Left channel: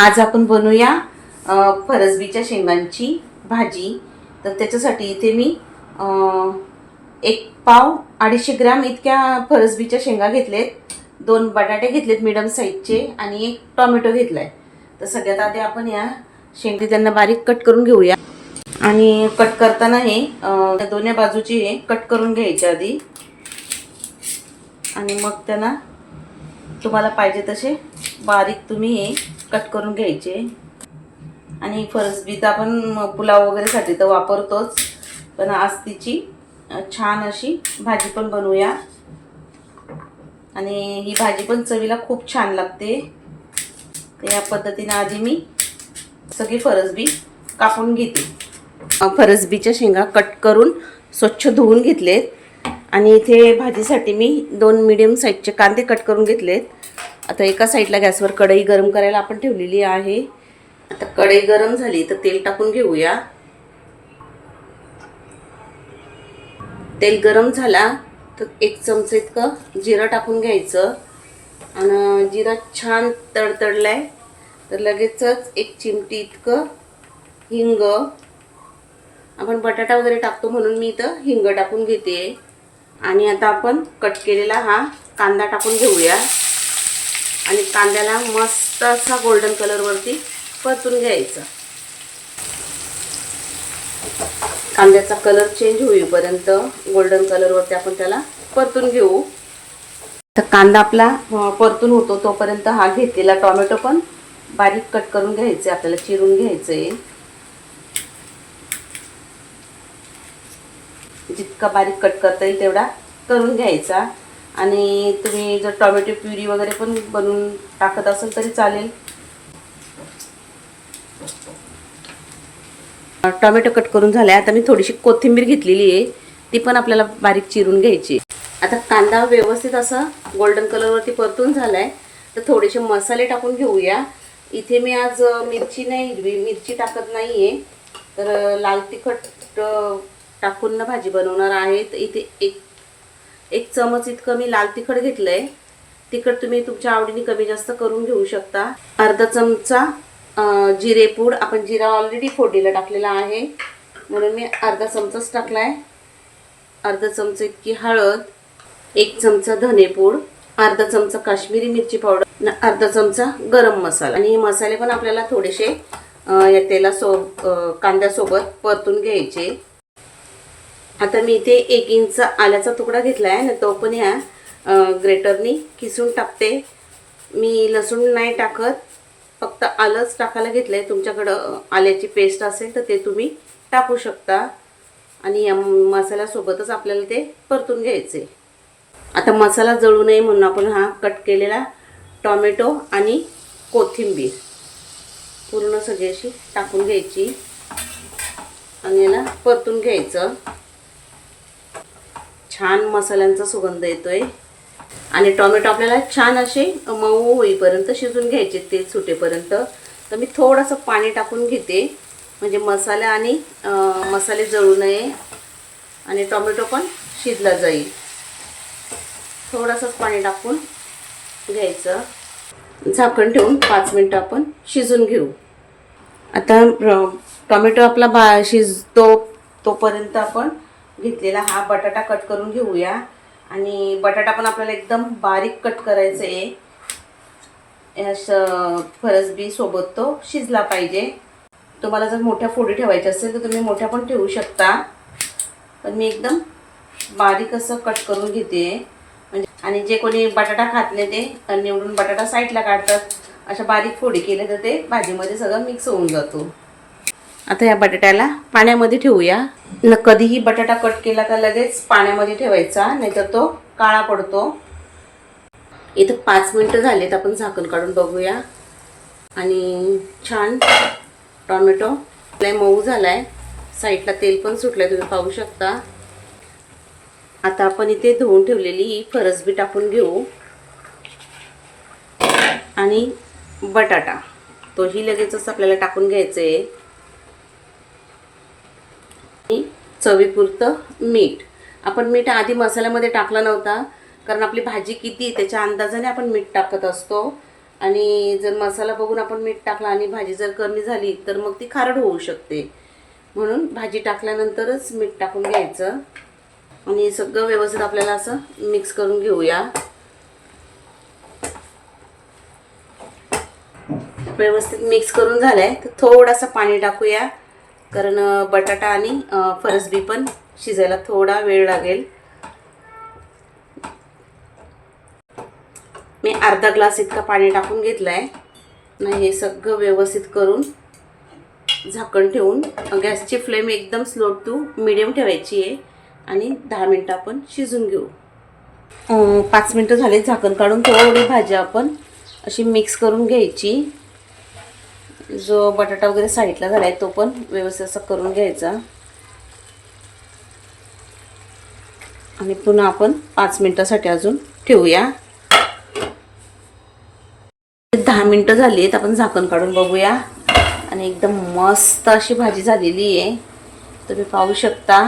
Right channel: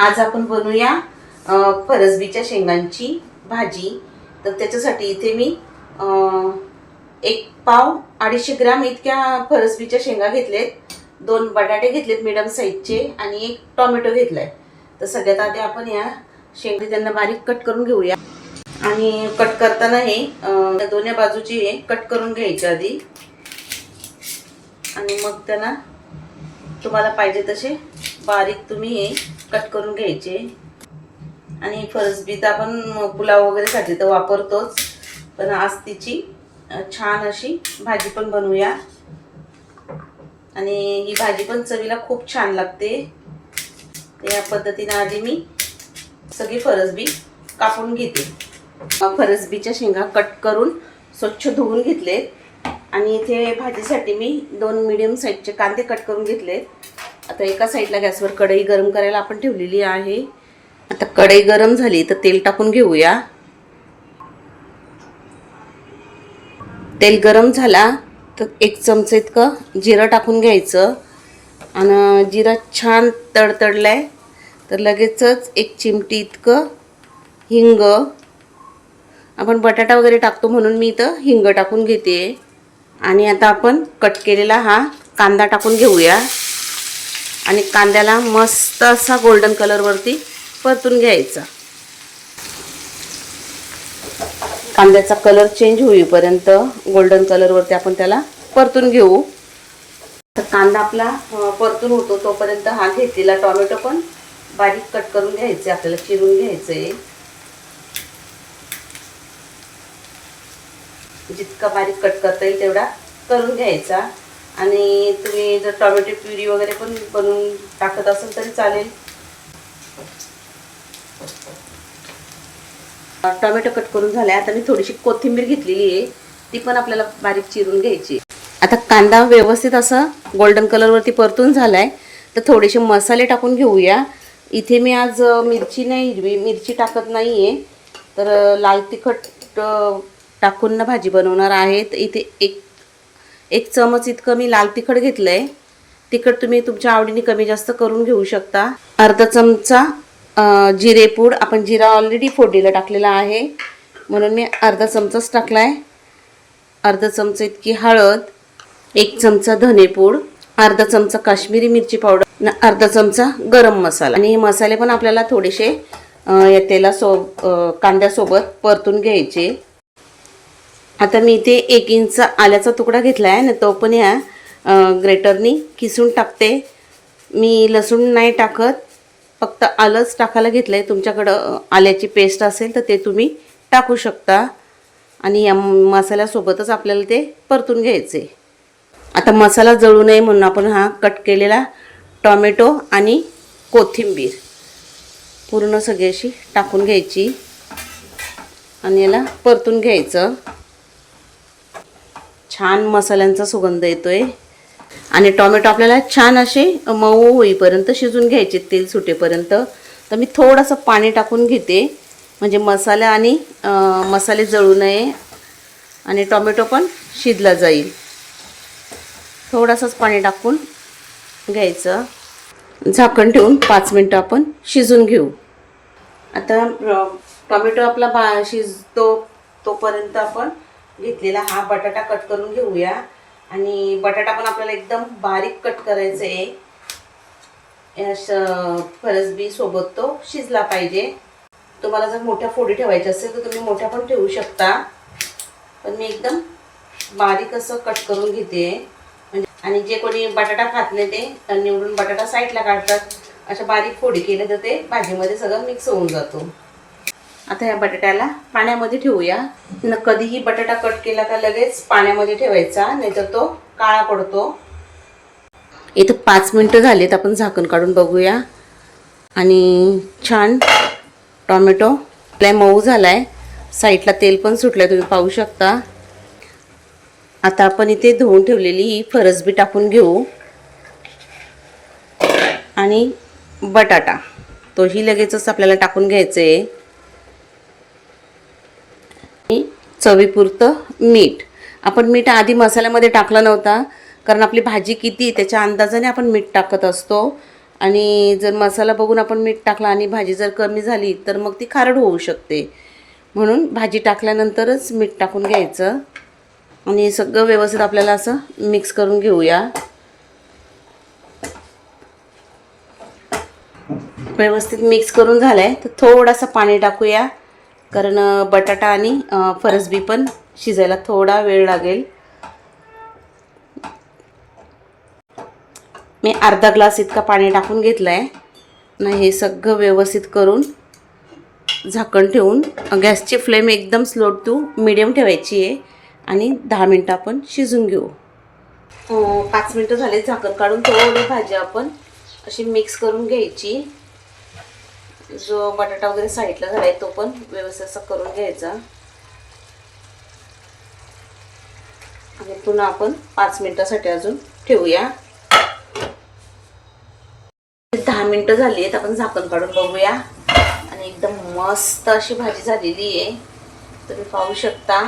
आज आपण बनवूया फरसबीच्या शेंगांची भाजी। तर त्याच्यासाठी इथे मी एक पाव 250 ग्रॅम इतक्या फरसबीच्या शेंगा घेतलेत, 2 बटाटे घेतलेत मीडियम साईजचे आणि एक टोमॅटो घेतलाय। तर सगळ्यात आधी आपण या शेंगा त्यांना बारीक कट करून घेऊया आणि कट करताना हे दोन्ही बाजूची हे कट करून घ्यायचे आधी आणि मग त्यांना तुम्हाला पाहिजे तसे बारीक तुम्ही हे कट करून घ्यायचे। आणि फरसबी तर आपण पुलाव वगैरेसाठी तर वापरतोच, पण आज तिची छान अशी भाजी पण बनवूया आणि ही भाजी पण चवीला खूप छान लागते। तर या पद्धतीने आधी मी सगळी फरसबी कापून घेते। फरसबीच्या शेंगा कट करून स्वच्छ धुवून घेतलेत आणि इथे भाजीसाठी मी 2 मीडियम साईजचे कांदे कट करून घेतलेत। आता एका साईडला गॅसवर कढई गरम करायला आपण ठेवलेली आहे। आता कढई गरम झाली तर तेल टाकून घेऊया। तेल गरम झाला तर 1 चमचा इतकं जिरं टाकून घ्यायचं आणि जिरं छान तडतडलाय तर लगेचच 1 चिमटी इतकं हिंग, आपण बटाटा वगैरे टाकतो म्हणून मी इथं हिंग टाकून घेते। आणि आता आपण कट केलेला हा कांदा टाकून घेऊया आणि कांद्याला मस्त असा गोल्डन कलर वरती परतून घ्यायचा। कांद्याचा कलर चेंज होईपर्यंत गोल्डन कलर वरती आपण त्याला परतून घेऊ। तर कांदा आपला परतून होतो तोपर्यंत हा घेतलेला टोमॅटो पण बारीक कट करून घ्यायचे, आपल्याला चिरून घ्यायचंय। जितका बारीक कट करता येईल तेवढा करून घ्यायचा। आणि तुम्ही जर टोमॅटो प्युरी वगैरे पण बनवून टाकत असाल तरी चालेल। टोमॅटो कट करून झालाय, आता मी थोडीशी कोथिंबीर घेतलेली आहे, ती पण आपल्याला बारीक चिरून घ्यायची। आता कांदा व्यवस्थित असा गोल्डन कलर वरती परतून झालाय तर थोडेसे मसाले टाकून घेऊया। इथे मी आज मिरची नाही, हिरवी मिरची टाकत नाहीये, तर लाल तिखट टाकून ना भाजी बनवणार आहे। तर इथे एक चमच इतकं मी लाल तिखट घेतलंय। तिखट तुम्ही तुमच्या आवडीने कमी जास्त करून घेऊ शकता। अर्धा चमचा जिरेपूड, आपण जिरा ऑलरेडी फोडणीला टाकलेला आहे म्हणून मी अर्धा चमचाच टाकलाय। अर्धा चमचा इतकी हळद, 1 चमचा धनेपूड, अर्धा चमचा काश्मीरी मिरची पावडर, अर्धा चमचा गरम मसाला। आणि हे मसाले पण आपल्याला थोडेसे या कांद्यासोबत परतून घ्यायचे। आता मी इथे 1 इंच आल्याचा तुकडा घेतलाय आणि तो पण या ग्रेटरनी किसून टाकते। मी लसूण नाही टाकत, फक्त आलंच टाकायला घेतलंय। तुमच्याकडं आल्याची पेस्ट असेल तर ते तुम्ही टाकू शकता आणि या मसाल्यासोबतच आपल्याला ते परतून घ्यायचे। आता मसाला जळू नये म्हणून आपण हा कट केलेला टोमॅटो आणि कोथिंबीर पूर्ण सगळी अशी टाकून घ्यायची आणि याला परतून घ्यायचं। छान मसाल्यांचा सुगंध येतोय आणि टोमॅटो आपल्याला छान असे मऊ होईपर्यंत शिजून घ्यायचे, तेल सुटेपर्यंत। तर मी थोडंसं पाणी टाकून घेते म्हणजे मसाला आणि मसाले जळू नये आणि टोमॅटो पण शिजला जाईल। थोडंसंच पाणी टाकून घ्यायचं, झाकण ठेवून 5 मिनिटं आपण शिजून घेऊ। आता टोमॅटो आपला शिजतो तोपर्यंत आपण घेतलेला हा बटाटा कट करून घेऊया आणि बटाटा पण आपल्याला एकदम बारीक कट करायचा आहे। फरसबी सोबत तो शिजला पाहिजे। तुम्हाला जर मोठ्या फोडी ठेवायच्या असेल तर तुम्ही मोठ्या पण ठेवू शकता, पण मी एकदम बारीक असं कट करून घेते। म्हणजे आणि जे कोणी बटाटा खात नाही ते निवडून बटाटा साईडला काढतात, अशा बारीक फोडी केल्या तर ते भाजीमध्ये सगळं मिक्स होऊन जातो। आता या बटाट्याला पाण्यामध्ये ठेवूया। कधीही बटाटा कट केला का लगेच पाण्यामध्ये ठेवायचा, नाहीतर तो काळा पडतो। इथं 5 मिनिटं झालीत, आपण झाकण काढून बघूया आणि छान टोमॅटो लय मऊ झालाय, साईडला तेल पण सुटलंय, तुम्ही पाहू शकता। आता आपण इथे धुवून ठेवलेली ही फरसबी टाकून घेऊ आणि बटाटा तोही लगेचच आपल्याला टाकून घ्यायचं आहे। चवीपुरतं मीठ, आपण मीठ आधी मसाल्यामध्ये टाकला नव्हता कारण आपली भाजी किती त्याच्या अंदाजाने आपण मीठ टाकत असतो आणि जर मसाला बघून आपण मीठ टाकला आणि भाजी जर कमी झाली तर मग ती खारट होऊ शकते. म्हणून भाजी टाकल्यानंतरच मीठ टाकून घ्यायचं आणि सगळं व्यवस्थित आपल्याला असं मिक्स करून घेऊया. व्यवस्थित मिक्स करून झालंय तर थोडासा पाणी टाकूया, कारण बटाटा आणि फरसबी पण शिजायला थोडा वेळ लागेल. मी अर्धा ग्लास इतका पाणी टाकून घेतलंय. हे सगळं व्यवस्थित करून झाकण ठेवून गॅसची फ्लेम एकदम स्लो टू मीडियम ठेवायची आहे आणि 10 मिनटं आपण शिजून घेऊ. 5 मिनटं झाले, झाकण काढून थोडी भाजी आपण अशी मिक्स करून घ्यायची. जो बटाटा वगैरे साईडला झाला आहे तो पण व्यवस्थित असा करून घ्यायचा आणि पुन्हा आपण 5 मिनटासाठी अजून ठेवूया. 10 मिनटं झाली आहेत, आपण झाकण काढून बघूया आणि एकदम मस्त अशी भाजी झालेली आहे, तुम्ही पाहू शकता.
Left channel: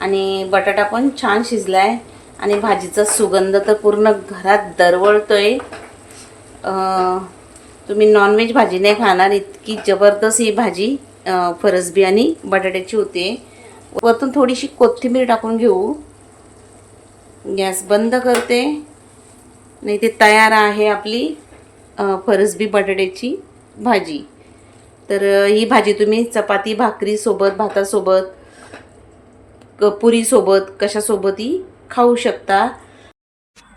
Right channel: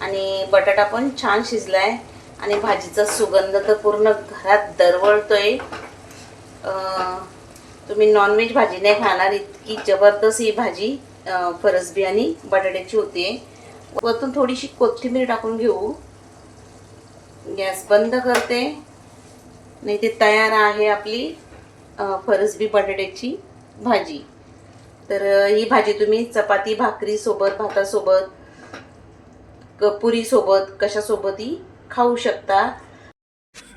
आणि बटाटा पण छान शिजलाय आणि भाजीचा सुगंध तर पूर्ण घरात दरवळतोय. तुम्ही नॉनव्हेज भाजी नाही खाणार इतकी जबरदस्त ही भाजी फरसबी आणि बटाट्याची होते. वरतून थोडीशी कोथिंबीर टाकून घेऊ. गॅस बंद करते. नाही ते तयार आहे आपली फरसबी बटाट्याची भाजी. तर ही भाजी तुम्ही चपाती भाकरी सोबत, भातासोबत, पुरीसोबत कशासोबतही खाऊ शकता.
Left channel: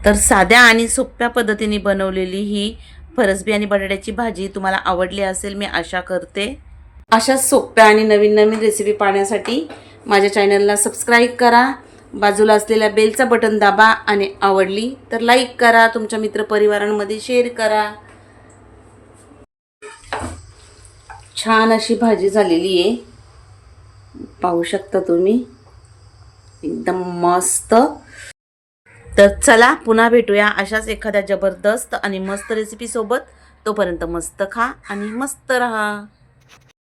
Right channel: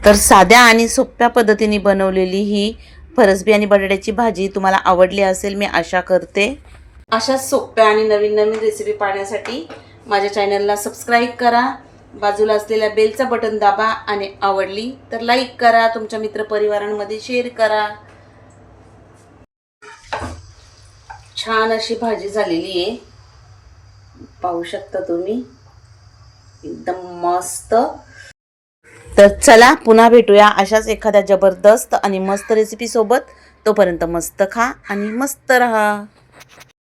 तर साध्या आणि सोप्या पद्धतीने बनवलेली ही फरसबी आणि बटाट्याची भाजी तुम्हाला आवडली असेल मी आशा करते. अशा सोप्या आणि नवीन नवीन रेसिपी पाहण्यासाठी माझ्या चॅनलला सबस्क्राईब करा, बाजूला असलेल्या बेलचा बटन दाबा आणि आवडली तर लाईक करा, तुमच्या मित्रपरिवारांमध्ये शेअर करा. छान अशी भाजी झालेली आहे, पाहू शकता तुम्ही, एकदम मस्त. तर चला पुन्हा भेटूया अशाच एखाद्या जबरदस्त आणि मस्त रेसिपी सोबत. तोपर्यंत मस्त खा आणि मस्त रहा.